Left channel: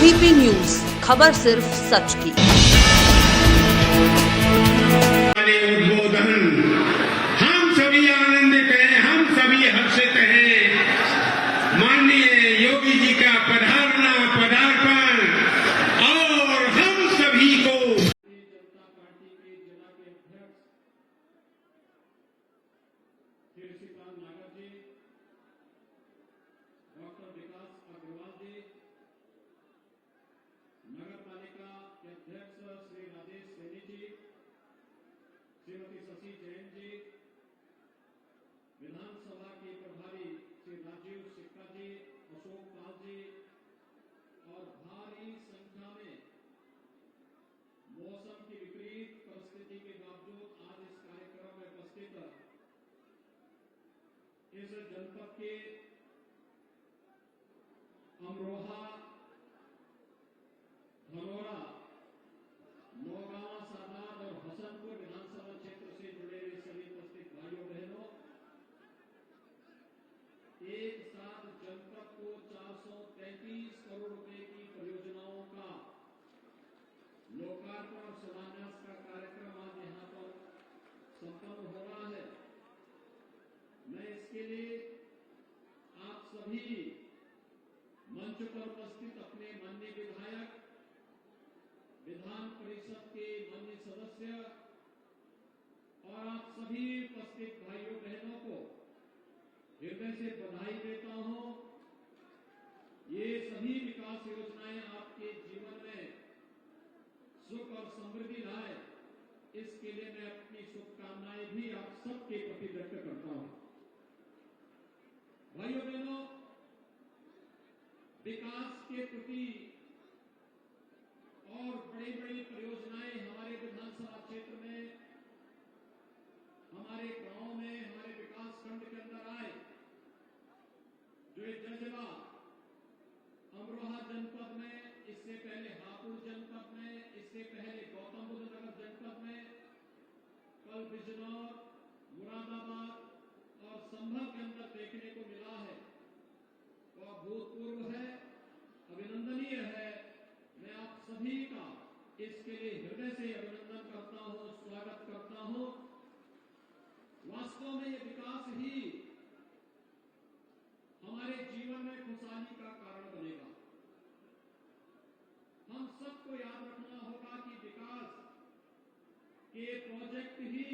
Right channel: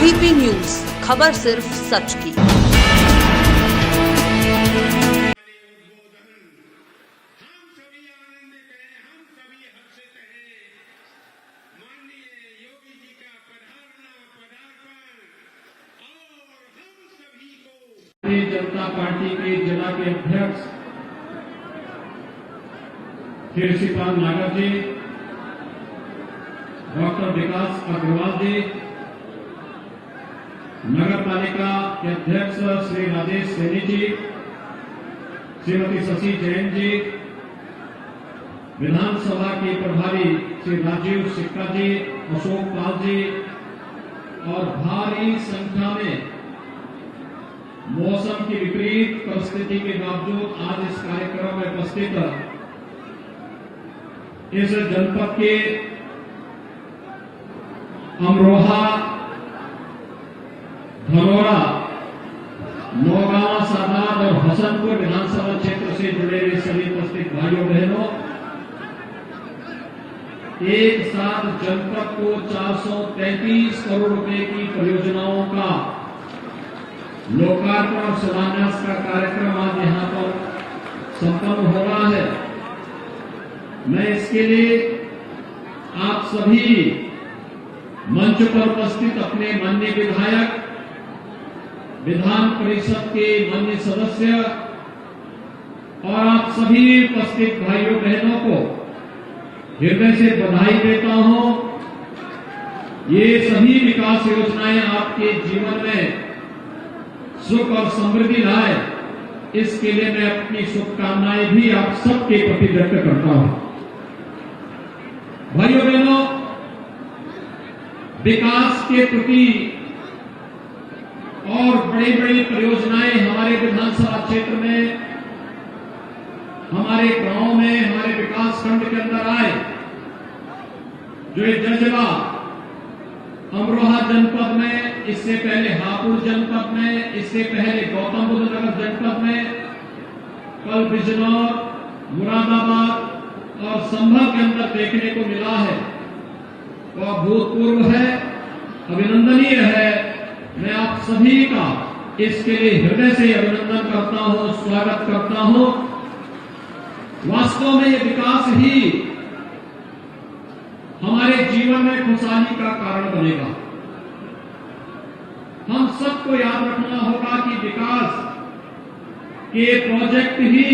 VP news, खबर सिर्फ सच की। हम सभी आनंदित हैं, हम सभी हर्षित हैं। माननीय योगी जी का पदार्पण और हम सभी को भारतीय जनता पार्टी के जिला के अध्यक्ष श्री शिवपाल नागर जी, डॉक्टर विकास अग्रवाल जी, नगर पालिका के अध्यक्ष श्री राजेश सैनी जी, श्रीमती शशि जैन जी, विधानसभा के प्रभारी श्री राजीव सिक्का जी, अशोक पाल जी और भारी संख्या में मौसम की विपरीत परिस्थिति के बावजूद आज इस कार्यक्रम में उपस्थित इस जनपद के अमरोहा, धनौरा, नौगांव, सादात और हसनपुर विधानसभा क्षेत्र से जुड़े हुए सभी उपस्थित भाइयों बहनों, एक साथ जनपद को 433 करोड़ रुपए की परियोजनाओं का लोकार्पण और शिलान्यास का कार्यक्रम आज यहां पर संपन्न हो रहा है। मैं इसके लिए आप सभी मंच पर उपस्थित अपने माननीय विधायक, विधान परिषद के माननीय सदस्य और आप सभी उपस्थित भाइयों बहनों को हृदय से बधाई देता हूं। ये सभी विकास योजनाएं आपके जीवन में सुख और समृद्धि लाए, इसके लिए मैं अपनी शुभकामनाएं भी आप सबके प्रति व्यक्त करता हूं। भाइयों बहनों, विकास के प्रति और बड़ी बड़ी परियोजनाएं हमारे विधानसभा क्षेत्र में, हमारे गांव में, हमारे विकास खंड के अंदर आए। जो ये जजवा अमरोहा जनपद में, इससे पहले हापुड़ जनपद में, इससे पहले गौतम बुद्ध नगर जनपद में, कल बिजनौर, मुरादाबाद और संभल के अंदर देखने को मिला है, वह भूतपूर्व है, अभिनंदनीय है। मैं आप सभी का इसके लिए हृदय से अभिनंदन करता हूं, स्वागत करता हूं। वास्तव में ये विकास ही हमारे जीवन में खुशहाली का कारण बनेगा। हम सबको याद रखना होगा कि विकास के प्रोजेक्ट ही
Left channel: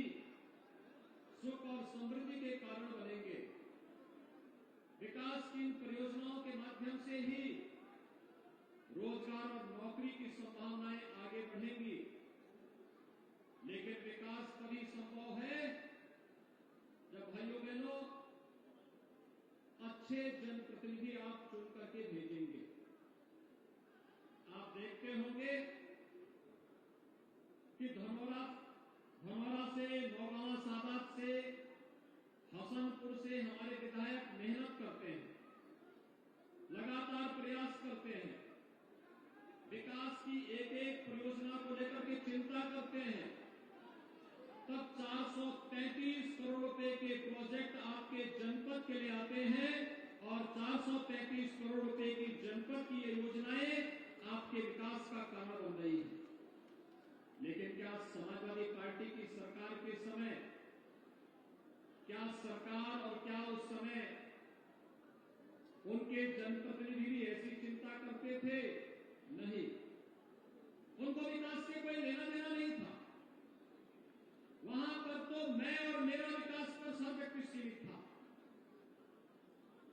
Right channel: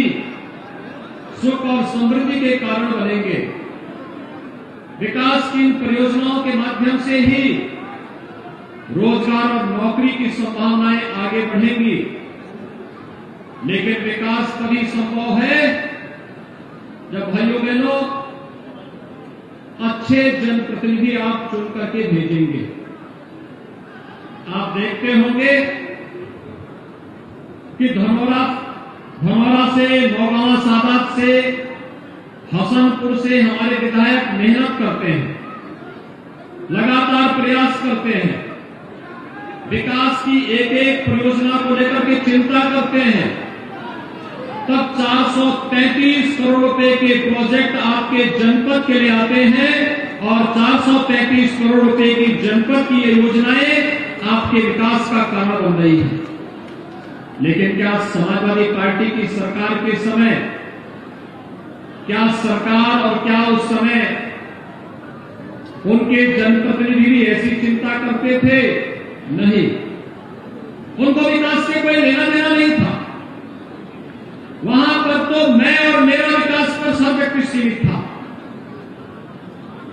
सुख और समृद्धि के कारण बनेंगे। विकास की इन परियोजनाओं के माध्यम से ही रोजगार और नौकरी की संभावनाएं आगे बढ़ेंगी। लेकिन विकास तभी संभव है जब भाइयों बहनों अच्छे जनप्रतिनिधि आप चुन करके भेजेंगे। आप देखते होंगे कि धनौरा से, नौगांव, सादात से, हसनपुर से हमारे विधायक मेहनत करते हैं, लगातार प्रयास करते हैं, विकास की एक एक परियोजना को लेकर के चिंता करते हैं। तब 433 करोड़ रुपए के प्रोजेक्ट आपके जनपद के लिए आते हैं और 433 करोड़ रुपए की जनपद की ये योजनाएं आपके विकास का कारण बन रही है। लेकिन क्या समाजवादी पार्टी की सरकार के समय, क्या सरकार और क्या उस समय उनके जनप्रतिनिधि भी ऐसी चिंता करते थे? नहीं, उनको विकास से कोई लेना देना नहीं था। वहां पर तो मैं और मेरा विकास पर सब व्यक्ति सीमित था।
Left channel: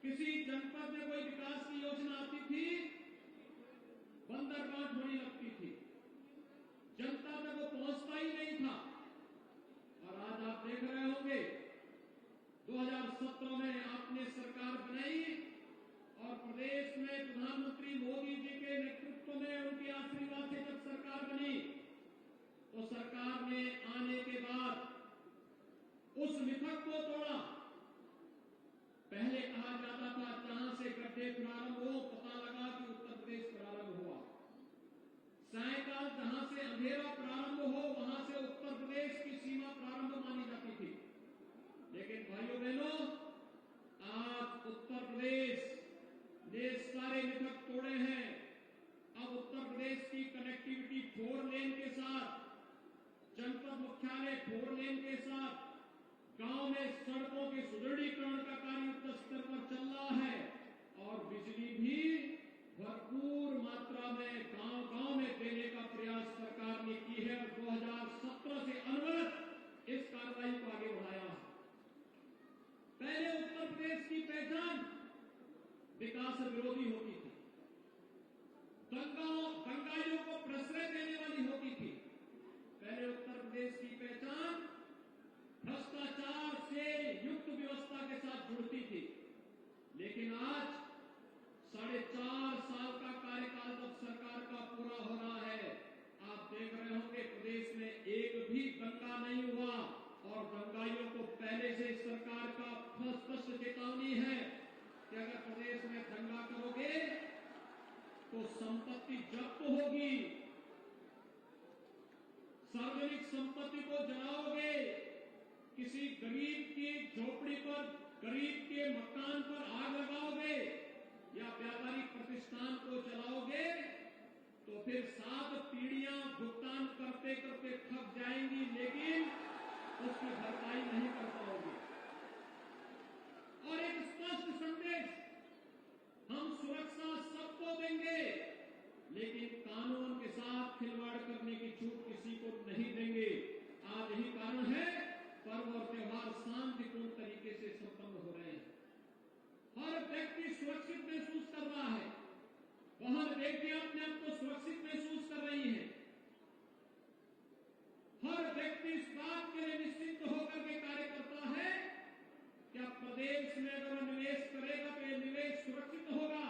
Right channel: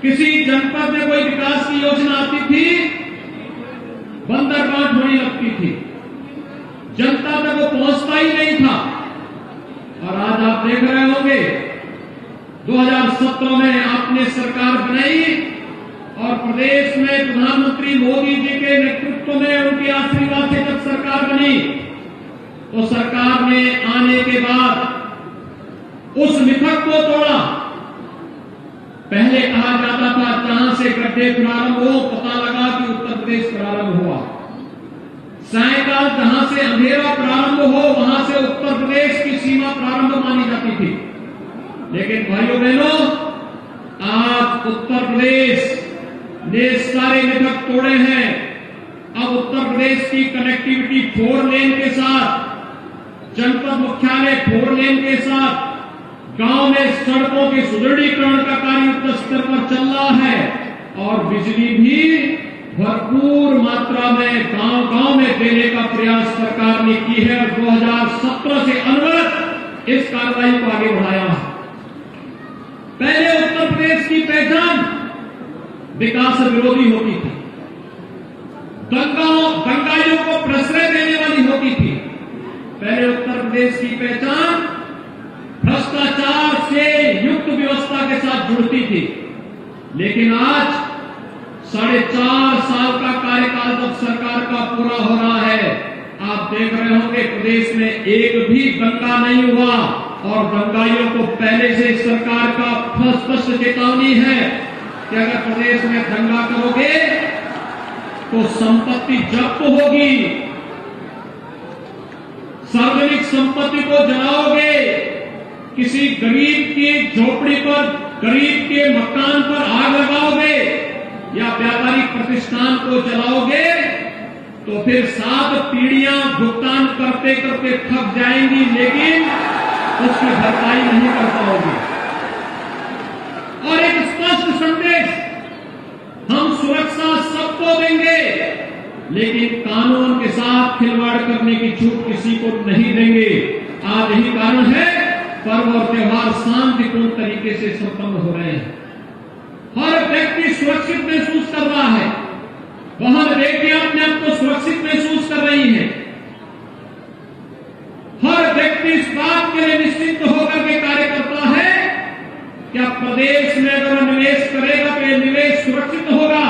किसी जनपद में कोई विकास की योजना आती थी, बंदरगांठ होने लगती थी, जनता तक वो पहुंचता ही नहीं था। और आज आप देख रहे होंगे 2017 में आपने सरकार बनाई और प्रदेश में प्रधानमंत्री मोदी जी के नेतृत्व में, उनके आशीर्वाद से जब सरकार बनी, तो सरकार ने आने के बाद उस मिथक को तोड़ा। पहले कहा जाता था जहां से गड्ढे प्रारंभ हो, पता लगा कि उत्तर प्रदेश प्रारंभ हुआ। सायकाल जहां से अंधेरा प्रारंभ हो, वहां से उत्तर प्रदेश की सीमा प्रारंभ मानी जाती थी। लेकिन भाइयों बहनों, आज उत्तर प्रदेश ने सारे मिथक तोड़े हैं। अब प्रदेश की कनेक्टिविटी 4 लेन के साथ, जनपद मुख्यालय 4 लेन के साथ, गांव में सड़कों के सुदृढ़ीकरण का कार्य युद्ध स्तर पर चल रहा है और बिजली भी भरपूर मात्रा में गांव-गांव में देने का प्रयास सरकार ने की है और 2017 से अनवरत इस कार्रवाई को आगे बढ़ाया है। पहले उत्तर प्रदेश की पहचान विकास विरोधी होती थी, दंगाइयों को प्रश्रय देने वाली होती थी। पहले उत्तर प्रदेश की पहचान भ्रष्टाचार से युक्त व्यवस्था के साथ जुड़ती थी, लेकिन आज 4.5 साल का कार्यकाल जब सरकार का पूरा हो रहा है, आप देख रहे होंगे प्रदेश में एक भी दंगा नहीं हुआ और दंगाइयों को पहले से सरकार का स्पष्ट चेतावनी है कि अगर प्रदेश में दंगा करोगे तो संपत्ति जब्त होगी, सार्वजनिक संपत्ति को जलाओगे, किसी गरीब की झोपड़ी पर, गरीब के मकान पर आग लगाओगे या व्यापारिक प्रतिष्ठान को जलाओगे तो फिर 7 पीढ़ियां भुगतान करते करते थक जाएंगी, लेकिन उसकी भरपाई नहीं कर पाओगे। और एक स्पष्ट संदेश, हम सुरक्षा सबको देंगे लेकिन कानून के साथ खिलवाड़ करने की छूट किसी को नहीं देंगे। आज यही कारण है पर्व और त्योहार शांतिपूर्ण तरीके से संपन्न हो रहे हैं। हर व्यक्ति सुरक्षित महसूस कर रहा है, वहां बेटियां अपने आप को सुरक्षित महसूस कर रही हैं। हर व्यक्ति इस बात के लिए निश्चिंत होकर के कार्य करता है कि अब प्रदेश में अगर निवेश करेगा तो यह निवेश सुरक्षित होगा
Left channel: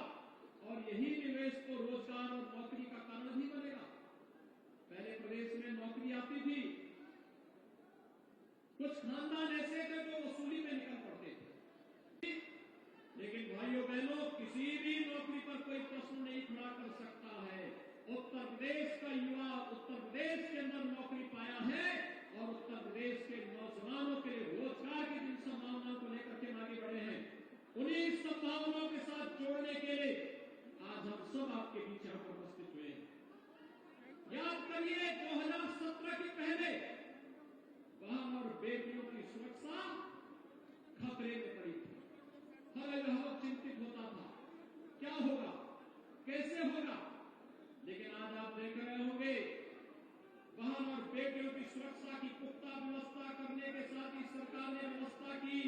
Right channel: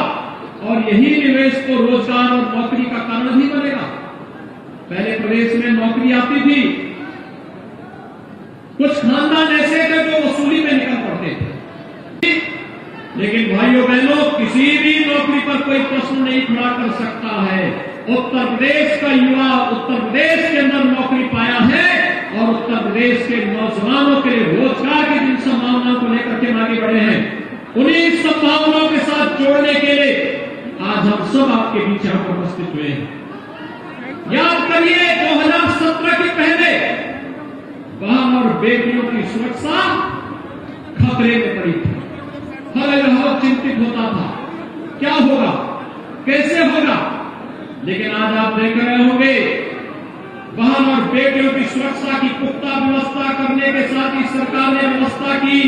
और यही निवेश को रोजगार और नौकरी का कारण भी बनेगा। पहले प्रदेश में नौकरी आती थी, कुछ खानदान ऐसे थे जो वसूली में निकल पड़ते थे, लेकिन भाइयों बहनों किसी भी नौकरी पर कोई प्रश्न नहीं खड़ा कर सकता है। उत्तर प्रदेश का युवा उत्तर प्रदेश के अंदर नौकरी पाया है और उत्तर प्रदेश के नौजवानों के लिए रोजगार की जिन संभावनाओं को लेकर के आगे बढ़े हैं, उन्हीं संभावनाओं के साथ जोड़ने के लिए आज हम सब आपके बीच यहां पर उपस्थित हुए हैं। याद करिए 2017 के पहले बहन और बेटियों की सुरक्षा खतरे में पड़ी थी। हर बहुत चिंतित होता था, क्या होगा, कैसे होगा, लेकिन आज आप देख रहे होंगे बहन और बेटियों की सुरक्षा की पुख्ता व्यवस्था करने के साथ ही सरकार ने व्यवस्था की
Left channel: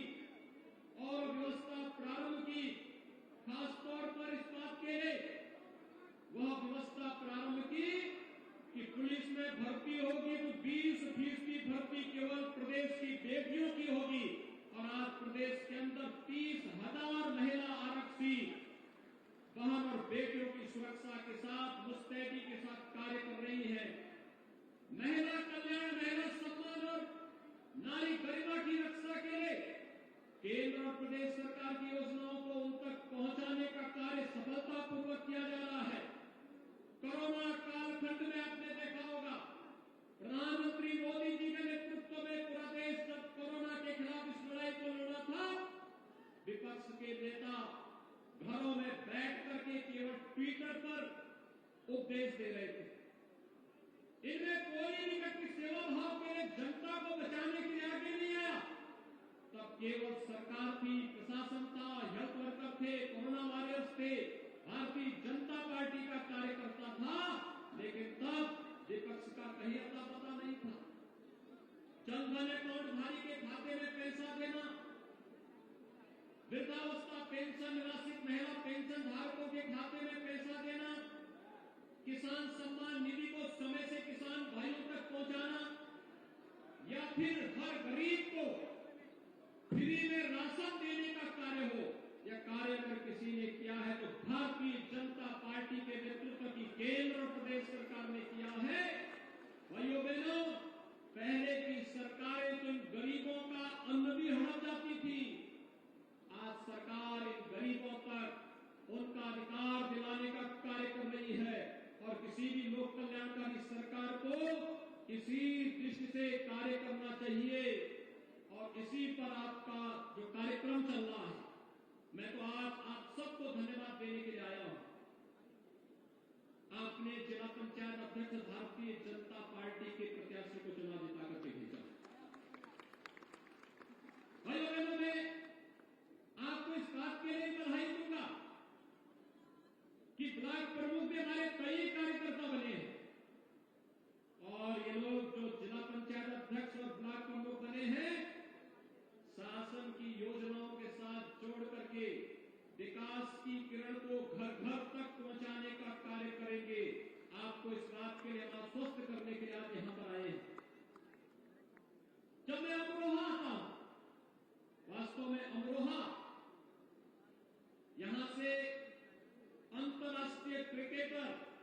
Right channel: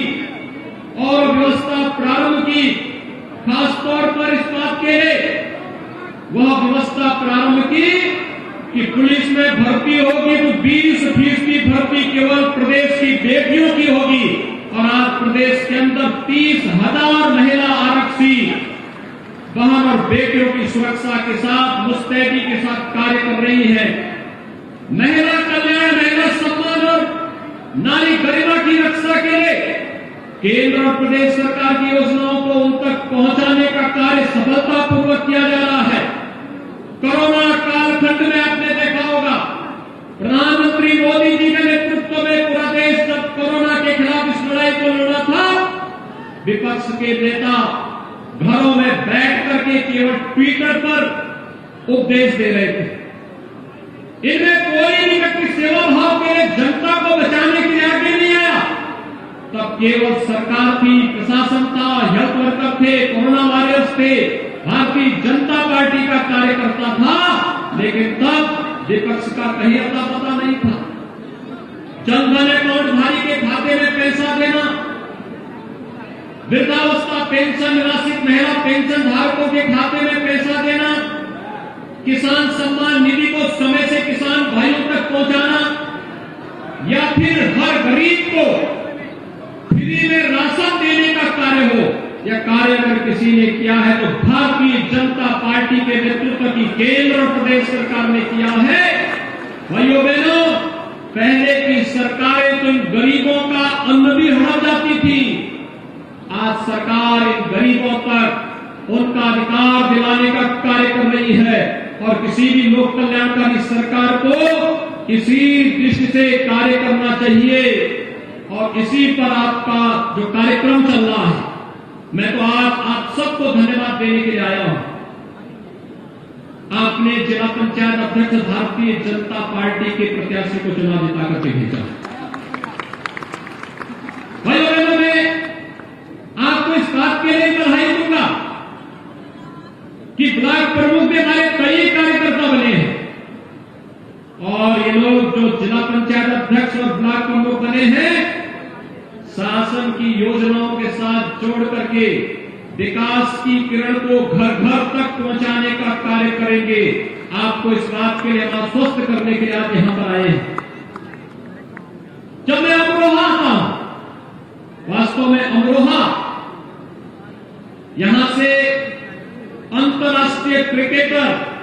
और व्यवस्था प्रारंभ की। खासतौर पर इस बात के लिए वह व्यवस्था प्रारंभ की कि पुलिस में भर्ती होगी तो 20% भर्ती केवल प्रदेश की बेटियों की होगी और आज प्रदेश के अंदर 30,000 महिला आरक्षी बहन और बेटियों की सुरक्षा के साथ मुस्तैदी के साथ कार्य कर रही है। महिला कल्याण, महिला सम्मान और नारी गरिमा की रक्षा के लिए केंद्र और प्रदेश सरकार की योजनाओं को उन तक पहुंचाने का कार्य सफलतापूर्वक किया जा रहा है। कोरोना कालखंड में आपने देखा होगा प्रधानमंत्री मोदी जी के नेतृत्व में पूरा देश जब कोरोना के खिलाफ इस लड़ाई को लड़ा था, विपक्ष के नेता घरों में बैठ करके केवल ट्विटर पर उपदेश दे रहे थे। इनमें कोई भी व्यक्ति सेवा भाव के लिए जनता को बचाने के लिए आगे नहीं आया। तब केवल सरकार थी, प्रशासन था, हेल्थ वर्कर थे, कोरोना वॉरियर्स थे, भारतीय जनता पार्टी का कार्यकर्ता था, लेकिन तब विपक्ष का कहीं अता पता नहीं था। जनधन अकाउंटधारी के खाते में पैसा देना, वृद्धावस्था पेंशन, निराश्रित महिला पेंशन धारकों के खाते में पैसा देना, किसान सम्मान निधि को समय से किसान भाइयों तक पहुंचाना या फिर हर गरीब को फ्री में राशन देने का कार्य हो, यह कार्य अगर किसी ने किया है तो भारतीय जनता पार्टी के नेतृत्व की केंद्र और प्रदेश सरकार ने किया है। भाइयों बहनों, पहले की सरकारें तो इन गरीबों का अन्न भी हड़ा जाती थी, आज सरकार इन गरीबों तक उनका अधिकार दिलाने का कार्य कर रही है और किसी भी लोक कल्याणकारी सरकार को इसी दृष्टि से कार्य करना चाहिए और इसी पर आपका जो कार्यक्रम चल रहा है, मैं तो आज आप सबको धन्यवाद देने के लिए आया हूं। आपने जिला पंचायत अध्यक्ष भारतीय जनता पार्टी के प्रत्याशी को चुनाव जिता करके भेजा। भाइयों बहनों, मैं आपको इस बात के लिए बधाई दूंगा कि ब्लॉक प्रमुख में हमारे कई कार्यकर्ता बने हैं और ये लोग जो जिला पंचायत अध्यक्ष और ब्लॉक प्रमुख बने हैं, शासन की योजनाओं के साथ जोड़ करके विकास की किरण को घर घर तक पहुंचाने का कार्य करेंगे। आपको इस बात के लिए आश्वस्त करने के लिए आज यहां पर आए हैं। जब मैं अमरोहा आता हूं, वास्तव में अमरोहा यहां से अंतर्राष्ट्रीय क्रिकेटर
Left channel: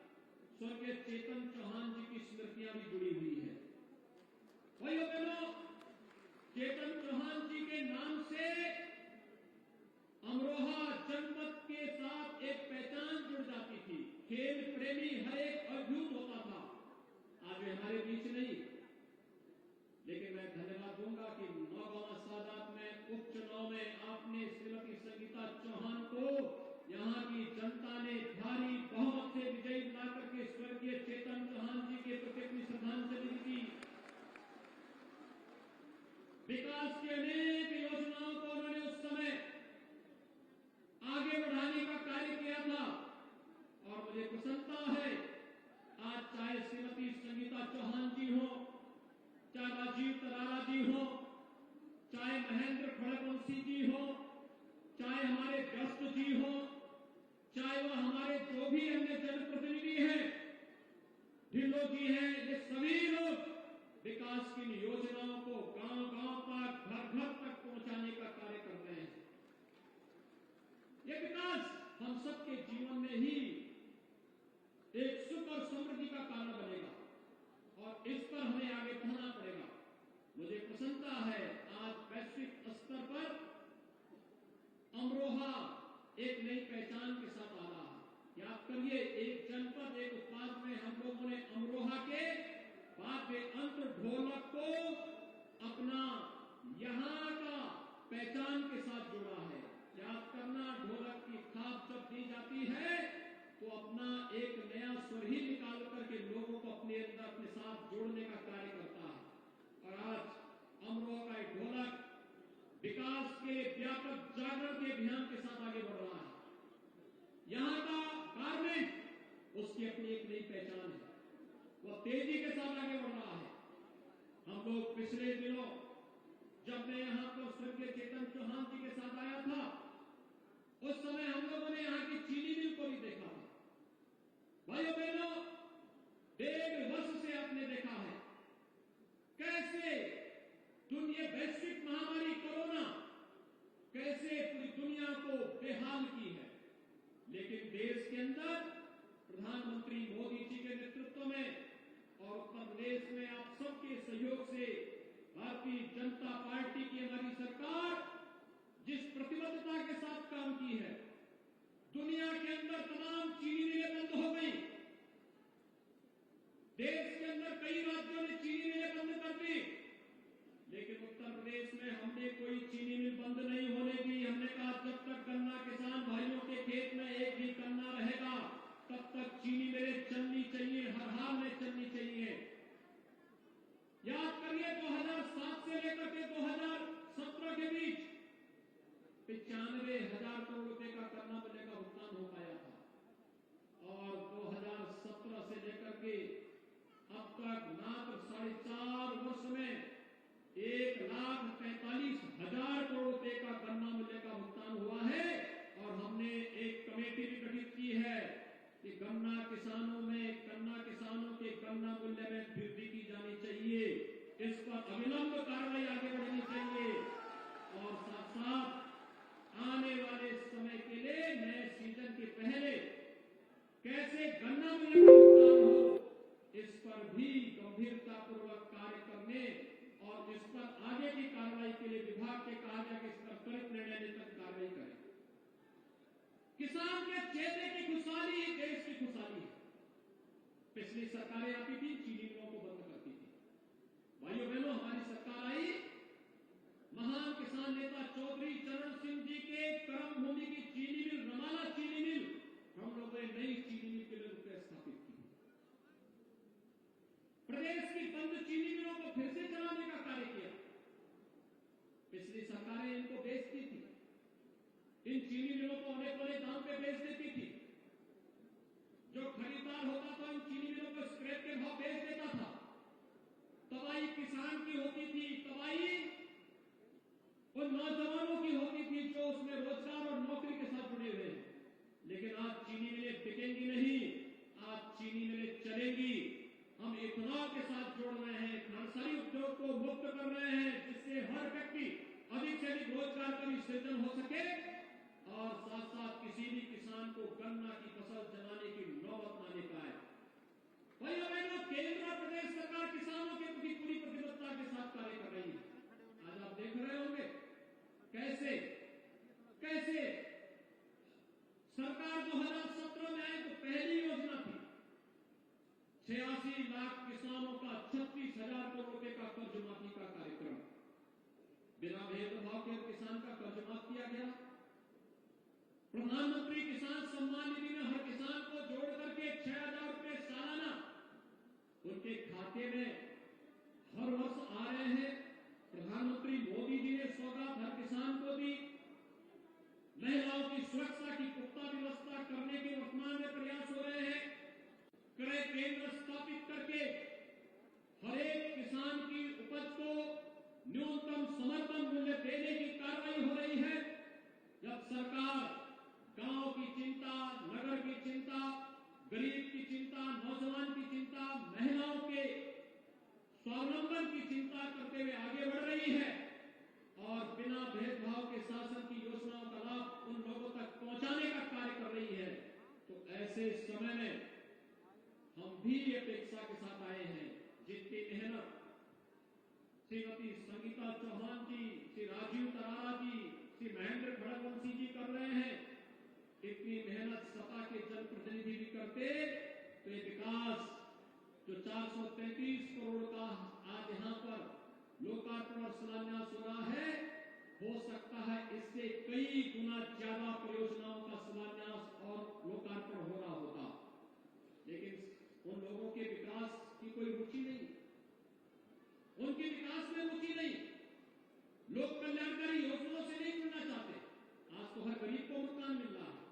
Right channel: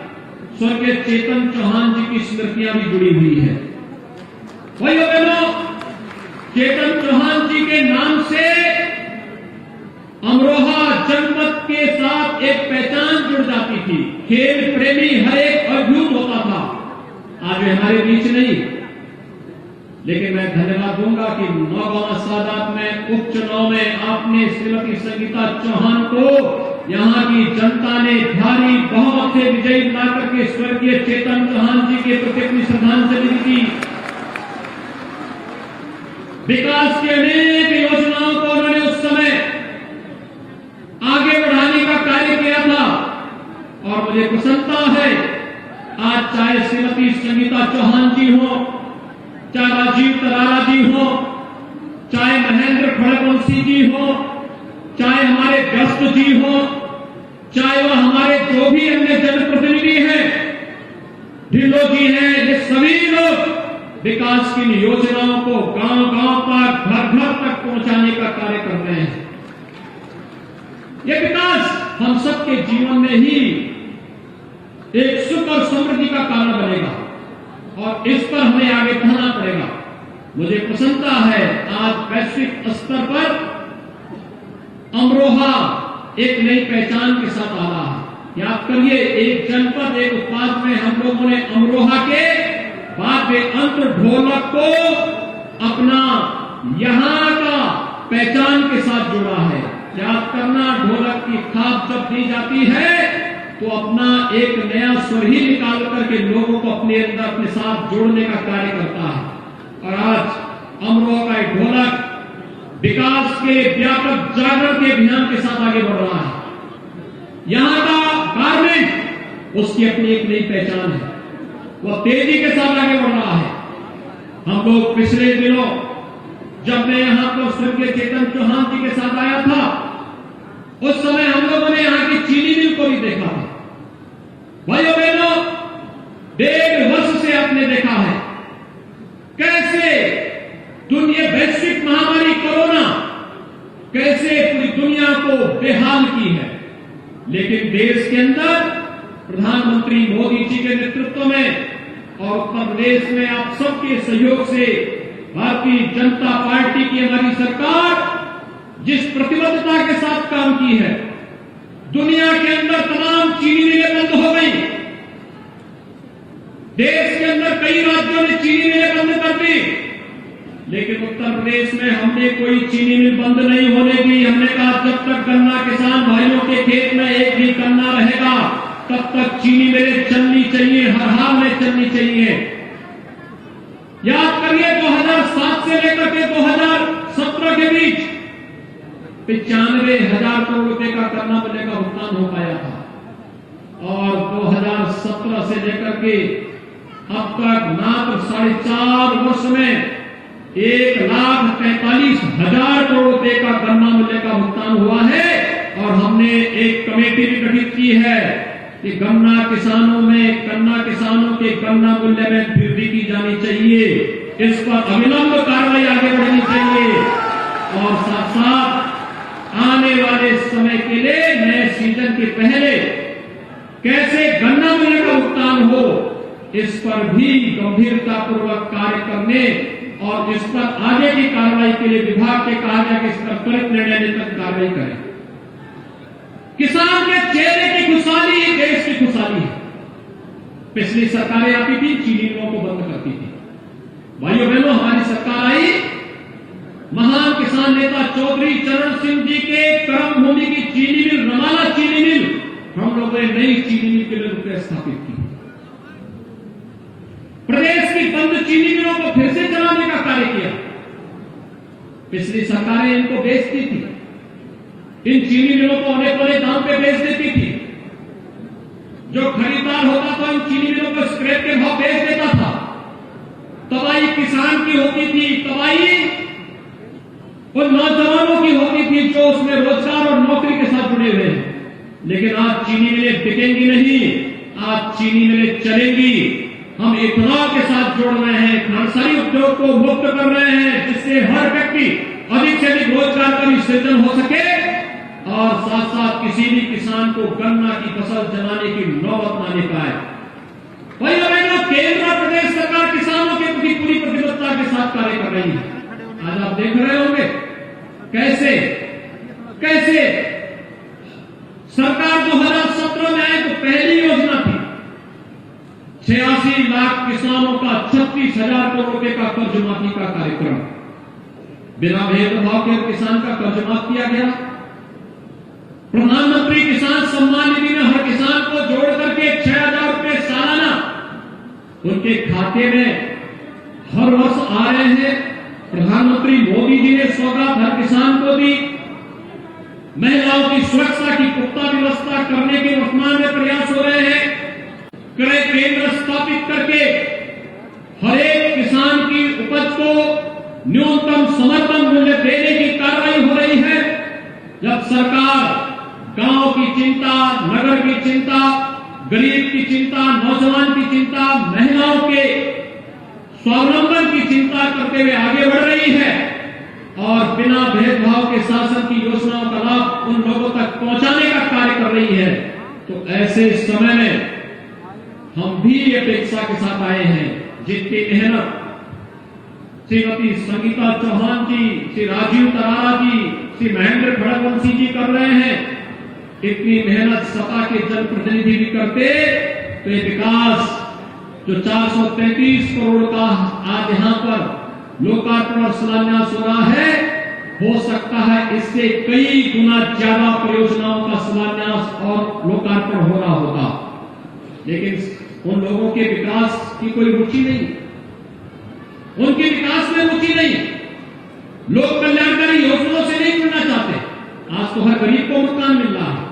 स्वर्गीय चेतन चौहान जी की स्मृतियां भी जुड़ी हुई है। भाइयों बहनों, चेतन चौहान जी के नाम से अमरोहा जनपद के साथ एक पहचान जुड़ जाती थी। खेल प्रेमी हर एक अद्भुत होता था। आज वे हमारे बीच नहीं, लेकिन मैं धन्यवाद दूंगा कि नौगांव सादात में उपचुनाव में आपने श्रीमती संगीता चौहान को यहां की जनता ने भारी बहुमत से विजयी बनाकर के स्वर्गीय चेतन चौहान जी के प्रति अपनी श्रद्धांजलि दी। विकास की अनेक योजनाओं को उन्होंने उस समय आगे बढ़ाने का कार्य किया था और मुझे प्रसन्नता है आज चाहे श्रीमती संगीता चौहान जी हो, चाहे राजीव तरारा जी हो, चाहे महेंद्र खड़गवंशी जी हो, चाहे हमारे व्यस्त जी हो, चाहे वह हमारे जो भी अन्य जनप्रतिनिधि हैं, ढिल्लो जी हैं, ये सभी लोग विकास की योजनाओं को गांव-गांव तक, घर-घर तक पहुंचाने का कार्य कर रहे हैं। यह विकास हम सबके जीवन में ही एक सुख और समृद्धि का कारण बनेगा और इस पर हमें आगे बढ़ना पड़ेगा। मुझे प्रसन्नता है आज वैश्विक स्तर पर अमरोहा एक नई पहचान के साथ आ रहा है। याद करिए, एक जनपद एक उत्पाद में हम लोगों ने अमरोहा के बाद में अंत ढोलक को अपना यहां का पहचान के साथ जोड़ा है। याद करना, ढोलक की थाप जब दी जाती है तो अपना एक नया स्वर ही निकाल करके लोगों को अपने अंदर अपने साथ जोड़ने का कार्य करता है। और आज अमरोहा का एक ढोलक विकास के व्यापक जागरण के अभियान के साथ आगे बढ़ रहा है। यहां का गारमेंट उसकी अपनी एक नई पहचान है, वह तेजी के साथ आगे बढ़ रहा है। हम लोग पिछले दिनों जब मैं यहां पर स्वर्गीय चेतन चौहान जी के साथ आया था, उस समय हम लोगों ने यहां की चीनी मिल को भी देखा था। भाइयों बहनों, 1.5 वर्ष से आपने देखा है कैसे दुनिया वैश्विक महामारी कोरोना कैसे पूरी दुनिया को बेहाल की है, लेकिन देश के अंदर प्रधानमंत्री मोदी जी के नेतृत्व में और उत्तर प्रदेश में आप सबके सहयोग से भारतीय जनता पार्टी की हमारी सरकार जिस प्रतिबद्धता के साथ काम की है, दुनिया के अंदर तमाम चीनी मिलें बंद हो गई। देश के अंदर कई राज्यों ने चीनी मिलें बंद कर दी, लेकिन उत्तर प्रदेश में हमने कोई चीनी मिल बंद नहीं होने दी। हमने कहा जब तक गन्ना किसान भाइयों के खेत में एक भी गन्ना रहेगा तब तक चीनी मिलें चलनी चाहिए, हर हाल में चलनी चाहिए। याद करिए 2007 से लेकर के 2017 के बीच 95,000 करोड़ रुपए का गन्ना मिले का भुगतान हो पाया था और 2017 से लेकर के अब तक मात्र 4.5 वर्ष में 1,43,000 करोड़ रुपए का गन्ना मूल्य का भुगतान हुआ है। और हमने एक कमेटी भी गठित की है कि गन्ना किसानों के गन्ना मूल्य में वृद्धि की जानी चाहिए, इस पर अविलंब कार्रवाई आगे बढ़नी चाहिए और साथ साथ आने वाले समय के लिए नए सीजन के पहले कैसे गन्ना मूल्य का भुगतान हो, इस पर भी गंभीरतापूर्वक कार्य करने और इस पर आगे की कार्रवाई के लिए विभाग के कहा गया कि इस पर त्वरित निर्णय लेकर कार्रवाई करें। किसान के चेहरे की खुशहाली ही देश की खुशहाली है। पिछली सरकारें आती थी, चीनी मिलों को बंद करती थी। भाइयों बहनों, हमारी सरकार आई, महान किसान नेता चौधरी चरण सिंह जी के कर्म भूमि की चीनी मिल, रमाला चीनी मिल, हम लोगों ने नई चीनी मिल के लिए रुपये स्थापित चीनी मिलों को फिर से चलाने का कार्य किया। पिछली सरकारें इनको बेचती थी, इन चीनी मिलों को औने पौने दाम पे बेच देती थी। जो खरीदार होता था इन चीनी मिलों को स्क्रैप के भाव बेच देता था। तबाही किसान की होती थी, तबाही उन नौजवानों की होती थी जो उसमें रोजगार और नौकरी के साथ जुड़े हुए हैं। लेकिन आज चीनी मिलें बिकेंगी नहीं, आज चीनी मिलें चलेंगी। हम इथेनॉल के साथ जोड़ रहे हैं, नर्सरी उद्योग को मुक्त कर रहे हैं, जिससे हर व्यक्ति अधिक से अधिक रोजगार का भी सृजन हो सके और साथ साथ किसी भी किसान को गन्ना की फसल जलाने की नौबत न आने पाए। भाई बहनों, केंद्र और प्रदेश सरकार किसानों के प्रति पूरी प्रतिबद्धता के साथ कार्य कर रही है। आज आप देख रहे होंगे कैसे कैसे सरकार 2017 में आई तो पहली योजना थी 86 लाख किसानों का 36,000 करोड़ रुपए का कर्ज माफी का कार्यक्रम। बिना भेदभाव के किसान का कर्ज माफ किया गया। प्रधानमंत्री किसान सम्मान निधि में हर किसान को जोड़ करके 6,000 रुपए सालाना उनके खाते में हर वर्ष आ रहे हैं। प्रधानमंत्री मोदी जी ने सौगात हर किसान को दी। महिलाओं की सुरक्षा की पुख्ता व्यवस्था करने के वर्तमान में प्रयास हो रहे हैं। क्रय केंद्र स्थापित करके हर एक किसान की उपज को न्यूनतम समर्थन मूल्य देने की कार्रवाई हो रही है। जब सरकार गांव की चिंता, नगर की चिंता, गरीब की चिंता, नौजवान की चिंता, महिलाओं के स्वावलंबन की चिंता करते हुए आगे बढ़ रही है और बिना भेदभाव के शासन की योजनाओं का लाभ उन लोगों तक पहुंचाने का कार्य कर रही है, तो ऐसे समय में हम भी अपेक्षा के साथ आए हैं जितनी मेहनत श्रीमती संगीता चौहान जी, श्री राजीव तरारा जी, श्री महेंद्र खड़गवंशी जी कर रहे हैं, इतनी मेहनत सपा के जनप्रतिनिधि भी करते तो ये विकास जो 433 करोड़ का आज यहां पर लोकार्पण और शिलान्यास हो रहा है, हो सकता है इससे कई गुना ज्यादा परियोजनाओं का शिलान्यास और लोकार्पण हो रहा होगा। लेकिन उन लोगों के विकास की कोई रुचि नहीं, उनके विकास में रुचि नहीं, लोक कल्याणकारी योजनाओं से नहीं जुड़ना चाहते। आज तो हर गरीब को मकान मिल रहा है।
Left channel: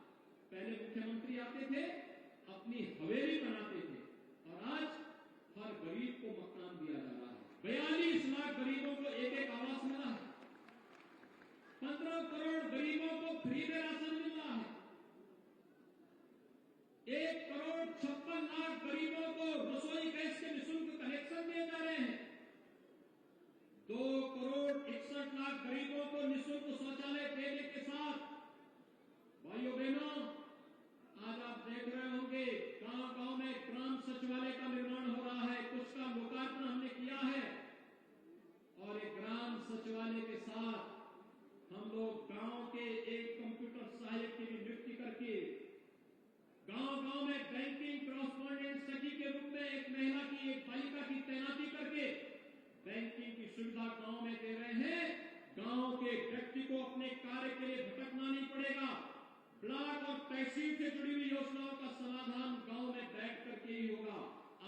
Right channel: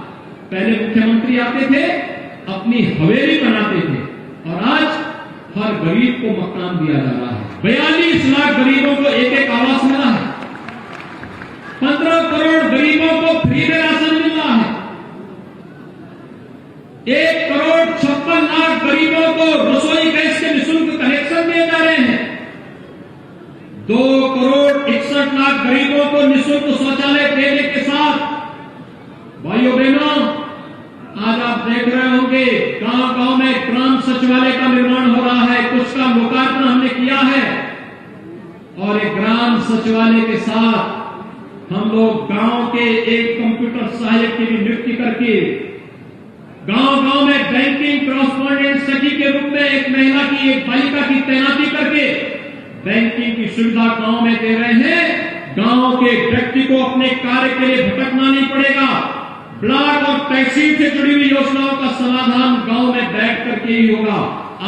पहले मुख्यमंत्री आते थे, अपनी हवेली बनाते थे और आज हर गरीब को मकान दिया जा रहा है। 42 लाख गरीबों को एक एक आवास मिला है। 15 करोड़ गरीबों को फ्री में राशन मिल रहा है। 1 करोड़ 56 लाख गरीबों को रसोई गैस के निःशुल्क कनेक्शन दिए जा रहे हैं। 2 करोड़ 61 लाख गरीबों को निःशुल्क शौचालय देने के साथ भाइयों बहनों, आज आप देख रहे होंगे गांव गांव में ग्राम सचिवालय का निर्माण हो रहा है। कुछ का लोकार्पण हमने किया है और एक ग्राम सचिवालय के साथ हम लोग गांव के एक कंप्यूटर सहायक की भी नियुक्ति करके गांव गांव में बैंकिंग कॉरेस्पॉन्डेंट सखी के रूप में एक महिला की, एक बालिका की तैनाती करके बैंकिंग की सुविधा गांव में दे रहे हैं। गांव के व्यक्ति को अपने कार्य के लिए भटकना नहीं पड़ेगा। ब्लॉक और तहसील से जुड़ी हुई योजनाओं का समाधान गांव में बैठ करके ही होगा।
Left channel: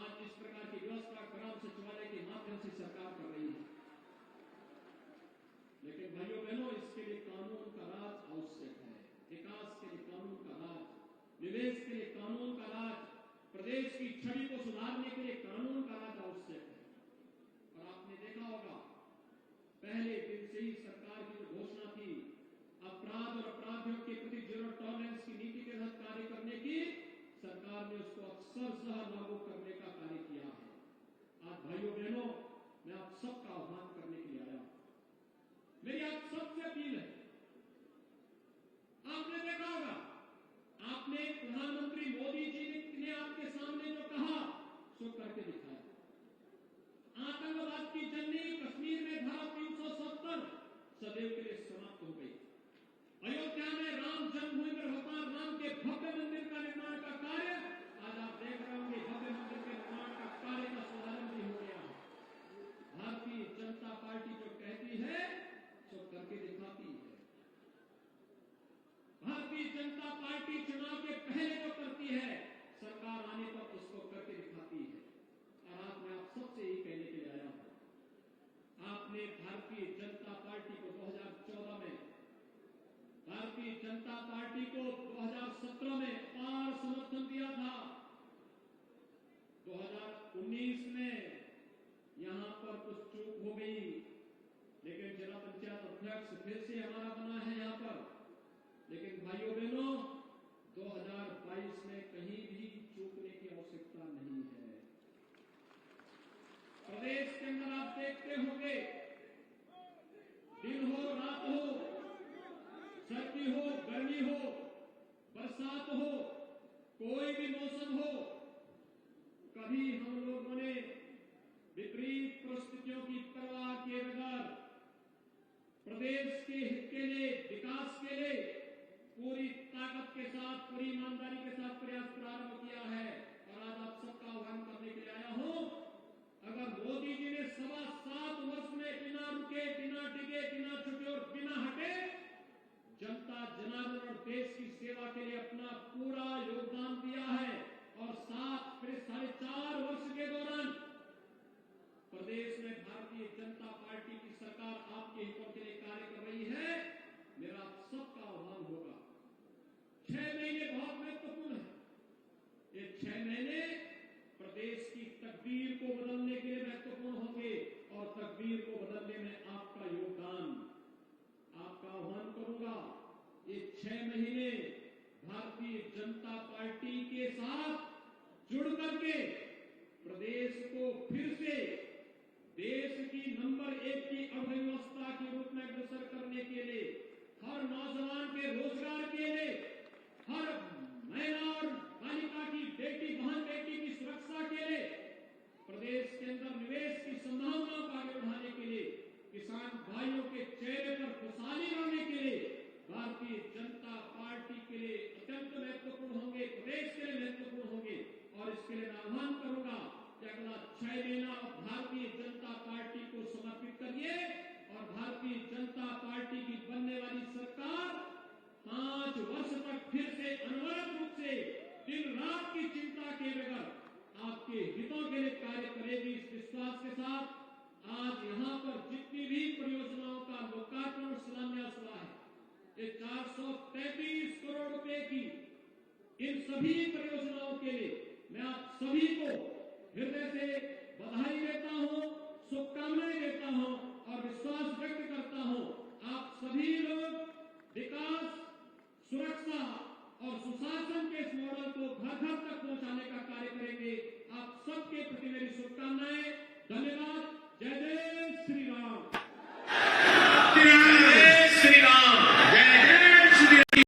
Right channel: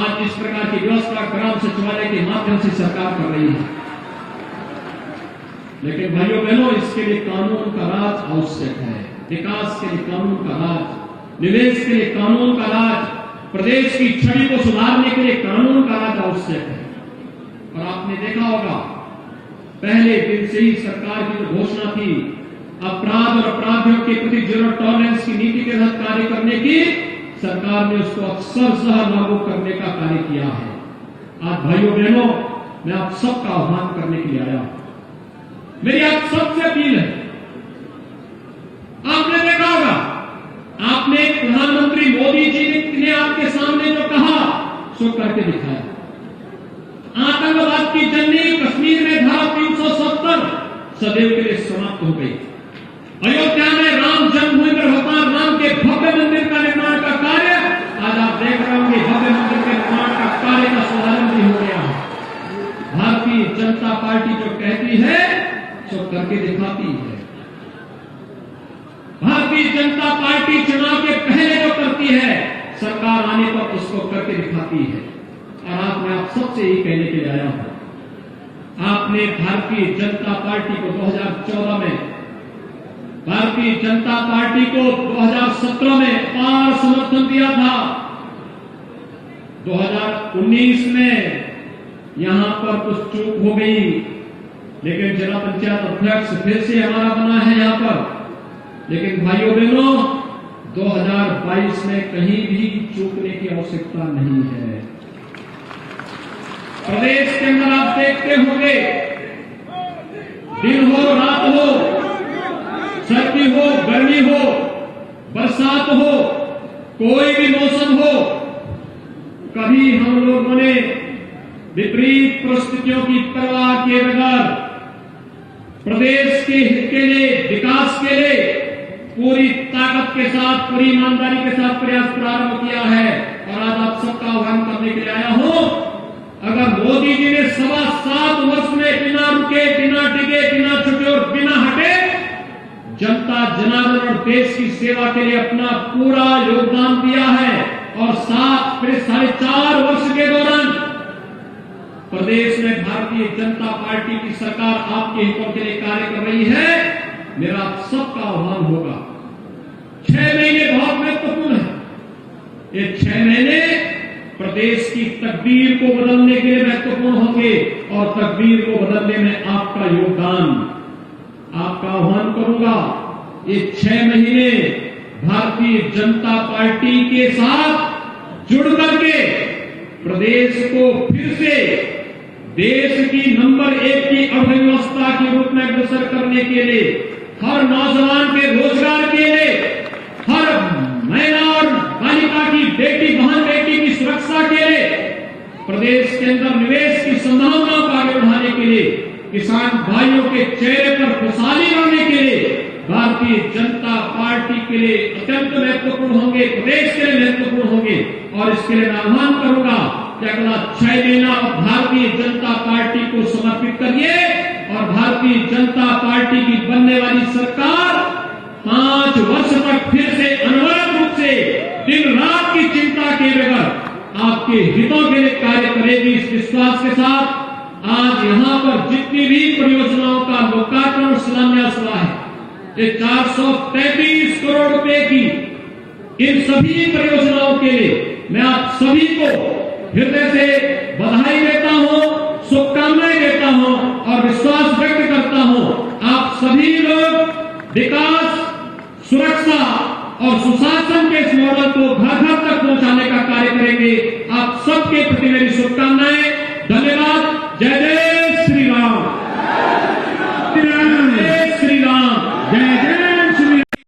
आज इस प्रकार की व्यवस्था ग्राम सचिवालय के माध्यम से सरकार कर रही है। लेकिन भाइयों बहनों, इसके लिए कानून का राज आवश्यक है। विकास के लिए कानून का राज, निवेश के लिए कानून का राज, प्रदेश की छवि को सुधारने के लिए कानून का राज आवश्यक है। और आपने देखा होगा पहले दिन से ही सरकार की जो घोषणा थी अपराध और अपराधियों के प्रति जीरो टॉलरेंस की नीति के तहत कार्य करने की, सरकार ने उसको अक्षरशः लागू करने का कार्य किया है। आज भाइयों बहनों, मैं आप सबका आह्वान करने के लिए आया हूं। मेरी आप सबसे अपील है, आपने देखा होगा, आपने प्रधानमंत्री मोदी जी ने आपके सामने जो कहा सो करके दिखाया। आतंकवाद की जंगी कश्मीर में धारा 370 सदैव के लिए समाप्त हो गई। अयोध्या में राम जन्मभूमि पर भगवान राम के भव्य मंदिर का निर्माण का कार्य, आज आप देख रहे होंगे भव्य मंदिर के निर्माण का कार्य का शुभारंभ भी हो गया है। भारतीय जनता पार्टी जो कहती है सो करके दिखाती है। भारतीय जनता पार्टी चुनाव के पहले जो करती है, सरकार आने पर उसको करके दिखाती है। और आज मैं आप सबसे यही कहने के लिए आया हूं। आपने भारतीय जनता पार्टी को 2014 में, भारतीय जनता पार्टी को 2017 में अपार समर्थन दिया था। 2019 में यहां पर कुछ चूक हो गई, लेकिन जिला पंचायत अध्यक्ष फिर से हमारा बना है यहां पर। लेकिन भाइयों बहनों, 2022 में कहीं भी चूकने की आवश्यकता नहीं है। प्रदेश के अंदर आप देखते होंगे, दिन हो रात हो, सर्दी हो गर्मी हो, बरसात हो, कोई भी मौसम हो, कभी हम लोगों ने विपरीत परिस्थितियों की परवाह किए बगैर प्रदेश के हित के लिए, विकास के लिए पूरी ताकत के साथ, पूरी ईमानदारी के साथ प्रयास प्रारंभ किया है। और आज आप सबका आह्वान करने के लिए आया हूं, अगर मोदी जी ने 7.25 वर्ष में बिना रुके, बिना टिके, बिना छुटे और बिना हटे जनता जनार्दन और देश की सेवा के लिए अपना पूरा योगदान दिया है, और 4.5 वर्ष के दौरान प्रदेश में भारतीय जनता पार्टी की सरकार आपके हितों के लिए कार्य कर रही है, मेरा आप सबका आह्वान होगा। 6 महीने बहुत महत्वपूर्ण है। ये 6 महीने प्रदेश की तकदीर को बदलने के लिए महत्वपूर्ण होंगे, और तकदीर को बदलने में आपका योगदान, आपका आह्वान करूंगा। ये 6 महीने भारतीय जनता पार्टी के साथ जुड़ करके प्रदेश को फिर से देश की नंबर 1 की अर्थव्यवस्था के रूप में अग्रसर करने के लिए, हर नौजवान के रोजगार के लिए, हर महिला और बालिका की, बेटी बहन बेटी की सुरक्षा के लिए, प्रदेश के अंदर निवेश की संभावनाओं को आगे बढ़ाने के लिए, किसान भाइयों के चेहरे पर खुशहाली लाने के लिए भारतीय जनता पार्टी के लिए अत्यंत महत्वपूर्ण होंगे, प्रदेश के लिए महत्वपूर्ण होंगे। और इसके लिए मैं आह्वान करूंगा कि अगला 6 महीना भारतीय जनता पार्टी को समर्पित करिए, और भारतीय जनता पार्टी की बनने वाली सरकार 5 वर्ष तक फिर से अनवरत रूप से दिन रात की चिंता के बगैर आपके हितों के लिए कार्य करेगी। इस विश्वास के साथ आज यहां पर जितनी भी परियोजनाओं का लोकार्पण और शिलान्यास हुआ है, ये 433 करोड़ रुपए की, इन सभी परियोजनाओं के लिए मैं आप सभी को हृदय से बधाई देता हूं, शुभकामनाएं देता हूं, और विश्वास व्यक्त करता हूं आप सभी लोग विकास, सुरक्षा और सुशासन के इस मॉडल को घर घर तक पहुंचाने का कार्य करेंगे। आप सबके प्रति मेरी शुभकामनाएं। धन्यवाद। जय जय